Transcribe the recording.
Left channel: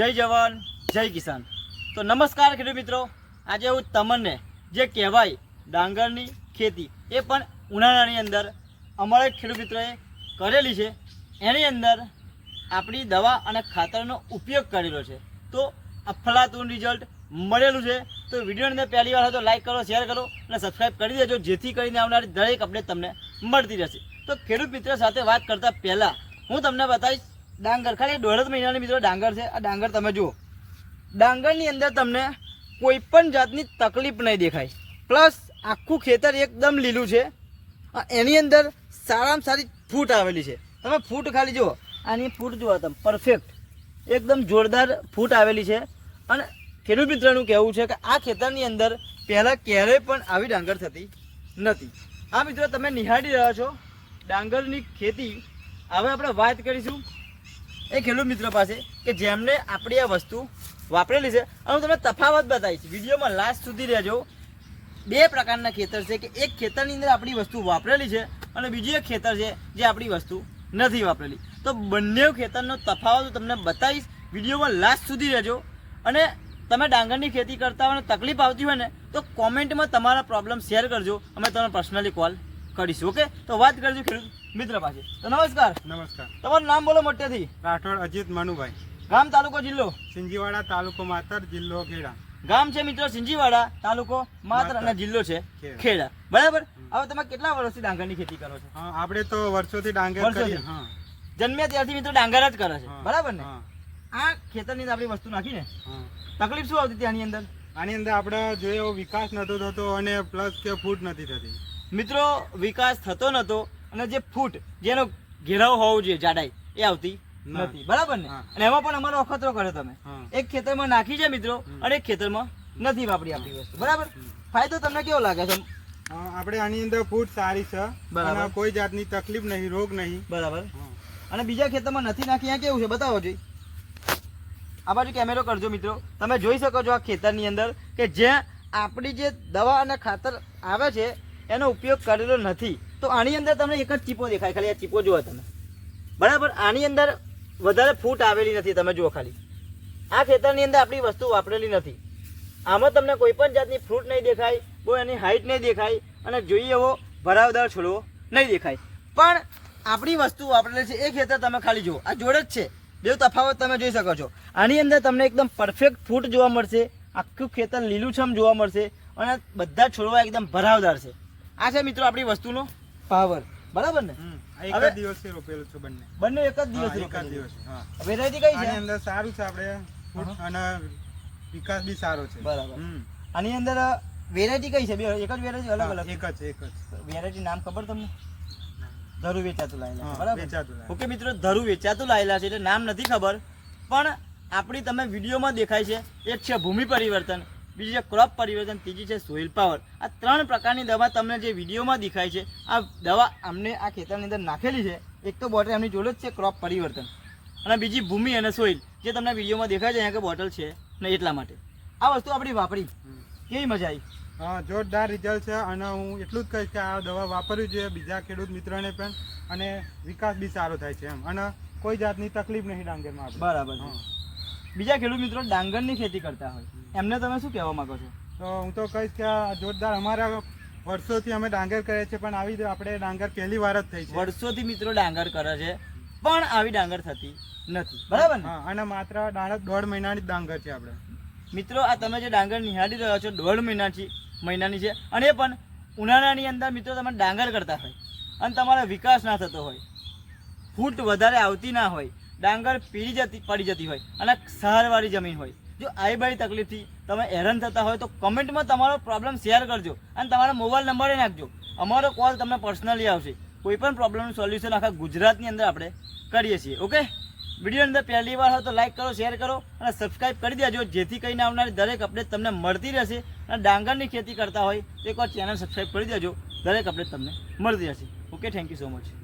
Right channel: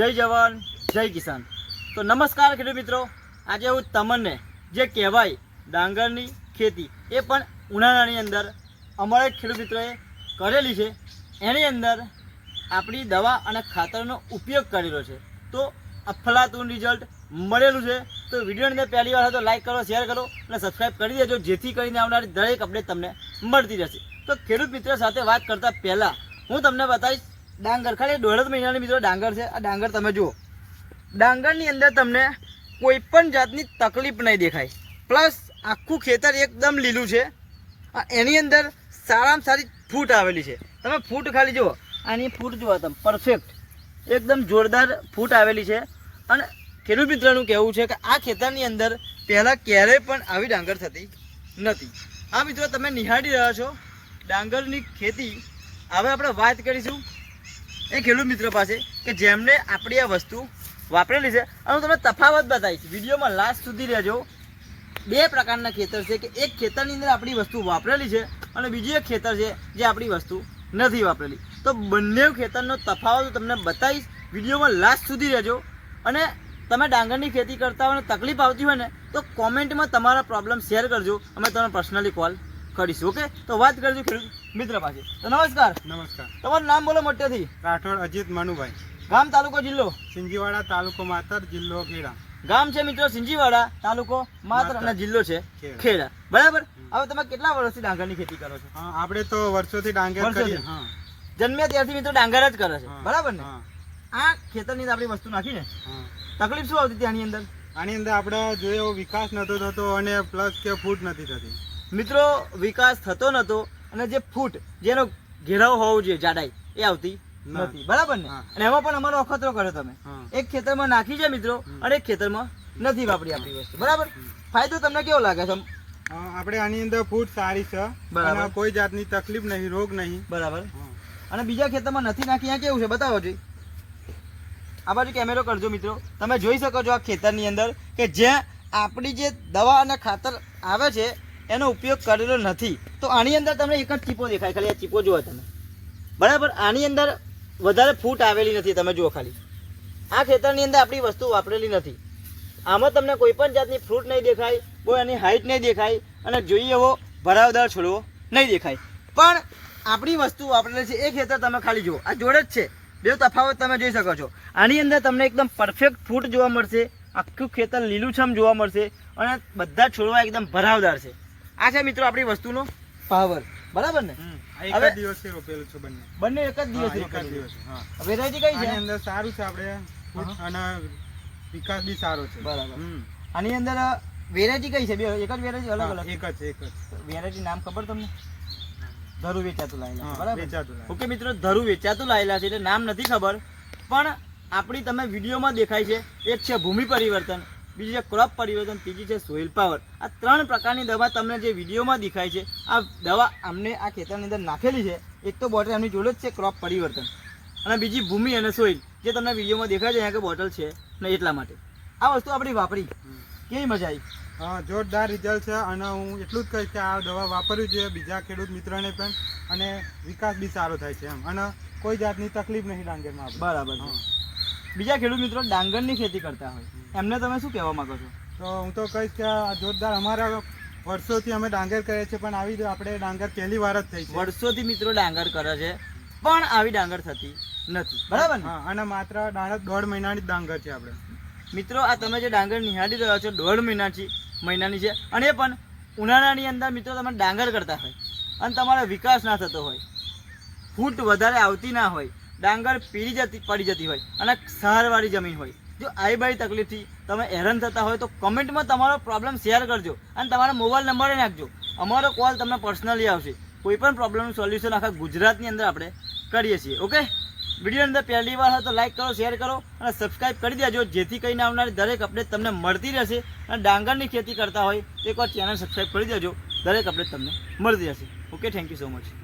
જય જવાન, જય કિસાન. તો નમસ્કાર ખેડૂત મિત્રો, આજે હું તમને જે કહેવાય ડાંગરની ખેતી, એ પણ ઉનાળાની અંદર અમારા ખેડૂત મિત્રોએ કરેલી છે. એની અંદર આપણી દવા અને ખાતરનો ઉપયોગ કરેલો છે. તો અફલાતું રિઝલ્ટ મળેલું છે. તો વિડીયોની અંદર પહેલી વાર તો લાઇક કરો શેર કરો અને સબસ્ક્રાઈબ કરી દેજો, જેથી કરીને આવનારી દરેક અપડેટ તમને મળતી રહેશે. તો ખેડૂત મિત્ર સાથે વાત કરતાં પહેલાં હું તમને બતાવીશ ડાંગર ખાલી દોઢ મહિનાની મિત્રો ડાંગર છે. આ ડાંગર તમે જુઓ. ડાંગરની અંદર તમને કોઈ પણ જાતની તકલીફ નહીં દેખાય. પ્લસ આખું ખેતર એકદમ લીલું છે. એની અંદર સારામાં સારી ફૂટ આવેલી છે. તમે ફૂટ ખાલી જુઓ. આની ફૂટ જુઓ તમે. પરફેક્ટ એકદમ જોરદાર ફૂટ આવેલી છે. અને ખેડૂત મિત્રનું કહેવું છે કે આ ખેતરની અંદર પહેલાં ક્યારેય પણ આવી ડાંગર થતી નથી. આ મિત્રો, તમે નિહાળી રહ્યા છો. ડાંગરની ખેતી. હવે આપણે વાત કરીશું એ ખેડૂત મિત્ર પાસે કે જેમને આપણી આ વસ્તુ વાપરેલી છે. અને હું તમને તફાવત બતાવીશ. વિડીયોમાં લાસ્ટ સુધી રહેજો. બે પ્રકારના ખેતર છે કે એક ખેતરની અંદર આપણી વસ્તુ વાપરેલી છે અને બીજું એક ખેતર છે જે આપણી વસ્તુ નથી વાપરેલી. તો બંને ખેતરનો તફાવત હું તમને બતાવીશ. વિડીયોમાં લાસ્ટ સુધી રહેજો. અને તમે ડાંગરની ખેતી કરતા હોય અને તકલીફ આવતી હોય ને, તો કોમેન્ટમાં તમારા પ્રોબ્લેમ શેર કરજો. અમે તમને પર્સનલી કોલ કરીશું ઓકે? તો વાત કરજો ખેડૂત મિત્ર પાસે. તો નમસ્કાર. નમસ્કાર. તમારું નામ બોલો મોટેથી. રાઠોડ અજીત મનુભાઈ. ગામ તાલુકો જિલ્લો? સિંજીવાડા તાલુકો માતર જિલ્લો ખેડા. ગામ છે મિત્રો સિંજીવાડા તાલુકો માત્ર અને જિલ્લો છે ખેડા. બરાબર? હવે તમે કેટલા વર્ષથી ડાંગરની ખેતી કરો છો? આપણે તો વર્ષોથી ડાંગર? કરીએ જન્મ્યા ત્યારથી મિત્રો ડાંગર જ કરે છે. બરાબર ને? આ ખેતરની આપણી વસ્તુ નાખીને તકલીફ શું આવતી હતી આની અંદર? આની અંદર આપણે એવો વિકાસ નતો થતો અને પ્લસ કે ફૂટ નથી થતી. મિત્રો વિકાસ થતો નતો અને જે ફૂટ જેનો ઘેરાવ હોવો જોઈએ જાડાઈ એ આવતી નથી. બરાબર ને? અને એમાં પણ અમારો અખતરો કર્યો તમે. એક ખેતરમાં નાખી છે મિત્રો અને એક ખેતરમાં નથી વાપરી આપણી વસ્તુ. બરાબર? ફાયદો તમને કેવો લાગે છે? આપણે આની અંદર ફૂટ સારી છે. બરાબર. કોઈ જાતની તકલીફ નહીં રોગ નહીં. બરાબર. અને બીજા ખેતરમાં નથી નાખી અહીંયા કેવું છે? બતાવો જોઈ. આ બાજુ કેમેરો કરજો મિત્રો. તમે જોઈ શકો છો આ ખેતરની અંદર કે જ્યાં આપણી જે દવા અને ખાતર આવે છે એનો ઉપયોગ કરેલો નથી. તો આની અંદર તમને એક જ ચીપો દેખાય, ખાલી આ ચીપો જુઓ તમે. બરાબર? આની અંદર વધારે ફૂટ આવેલી નથી, તમે જુઓ ખાલી. આ ખેતરની અંદર આપણી વસ્તુ વાપરેલી નથી. આમાં તમને કોઈ પણ જાતની ફ્રૂટ નહીં દેખાય, કોઈ એની હાઈટ નહીં દેખાય, અને જોઈએ એવો ભરાવદાર છોડવો નહીં દેખાય. પણ આપણી વસ્તુ વાપરેલી છે, એ ખેતર તમે ખાલી જુઓ. આ જોડે જ છે. બે તફાવત તમે જોઈ શકો છો. આની અંદર તમને એકદમ પરફેક્ટ ફૂટ જોવા મળશે. આખું ખેતર લીલુંછમ જોવા મળશે. અને બધા છોડવા એકદમ ભરાવદાર છે. આ છે મિત્રો આપણી વસ્તુનો પાવર. બરાબર ને? એક જ દિવસે રોપેલું છે બંને. બંને એક જ દિવસ એક જ દિવસ હા. વેરાયટી કઈ આની છે અંદર સારું છે આપણે અને વિકાસ બી સારો છે. બરાબર. આની અંદર વેરાયટી કઈ છે? બે એક જ વેરાયટી અલગ અલગ? એક જ એક જ. વેરાયટી નામ ખબર તમને? ધરુ વેચાતું લાયેલા બરાબર? વેચાતું. ઓકે મિત્રો ધરુ વેચાતું લાયેલા છે એટલે નામ નથી ખબર પણ આપણી તમે વિડીયોમાં દેખાય છે એક છે ભૂમિ પરિવર્તન. બીજી છે ક્રોપ પરિવર્તન ત્રીજી છે સોઇલ પાવર આ ત્રણ પ્રકારની દવા તમને જે વિડીયોમાં દેખાય છે આ દવા અમને આ ખેતરની અંદર નાખેલી છે. એક તો બોટલ એમની જોડે જ છે ક્રોપ પરિવર્તન. અને બીજી ભૂમિ અને સોઇલ જે તમને વિડીયોમાં દેખાય છે અહીંયા કે બોટલ છે ને એટલા માટે. આ વસ્તુ આપણી વાપરી. કેવી મજા આવી? હા જોરદાર રિઝલ્ટ છે અને હું એટલું જ કહીશ કે આ દવા વાપરવી જોઈએ બીજા ખેડૂત મિત્રોને પણ અને વિકાસ બી સારો થાય છે એમ. અને કોઈ જાતની તકલીફ નહીં ડાંગરમાં બરાબર. બીજા ખેડૂત મિત્રો ડાંગરની ખેતી કરતા હોય. એમને તમે શું કહેવા માંગો છો? તો હું તો કહીશ કે જોરદાર અમારા વર્ષોથી અમે ડાંગર કરીએ છીએ પણ આવી આપણે ડાંગર પહેલી વાર જ થઈ છે. વર્ષોથી મિત્રો ડાંગર કરે છે પણ આવી ડાંગર થતી નથી. બરાબર ને? હા અને માત્ર ડાંગર દોઢ મહિનાની જ ડાંગર છે આપણે. મિત્રો આ તમે જે ડાંગર નિહાળી રહ્યા છો દોઢ મહિનાથી મહિનાની છે અને એ પણ ઉનાળાની અંદર મિત્રો તમે ડાંગર કરતા હોય અને તમારો વિકાસ ના થતો હોય ફૂટ વધારે આવતી ના હોય ડાંગર પીળી જતી પડી જતી હોય અને સહારવાળી જમીન હોય. જો આવી બધી તકલીફથી તમે હેરાન થતા હોય તો કમેન્ટમાં તમારો પ્રોબ્લેમ શેર કરજો અને તમારો મોબાઈલ નંબર નાખજો. અમારો કોલ તમને પર્સનલી આવશે. કોઈ પણ પ્રોબ્લેમનું સોલ્યુશન આખા ગુજરાતની અંદર આપણે કરીએ છીએ ઓકે વીડિયો અંદર પહેલી વાર હોય તો લાઈક કરો શેર કરો અને સબસ્ક્રાઈબ કરી દેજો. જેથી કરીને આવનારી દરેક અપડેટ તમને મળતી રહેશે અને ડાંગરની ખેતી કરતા હોય એકવાર ચેનલ સબસ્ક્રાઈબ કરી દેજો. દરેક અપડેટ તમને મળતી રહેશે. Okay thank you so much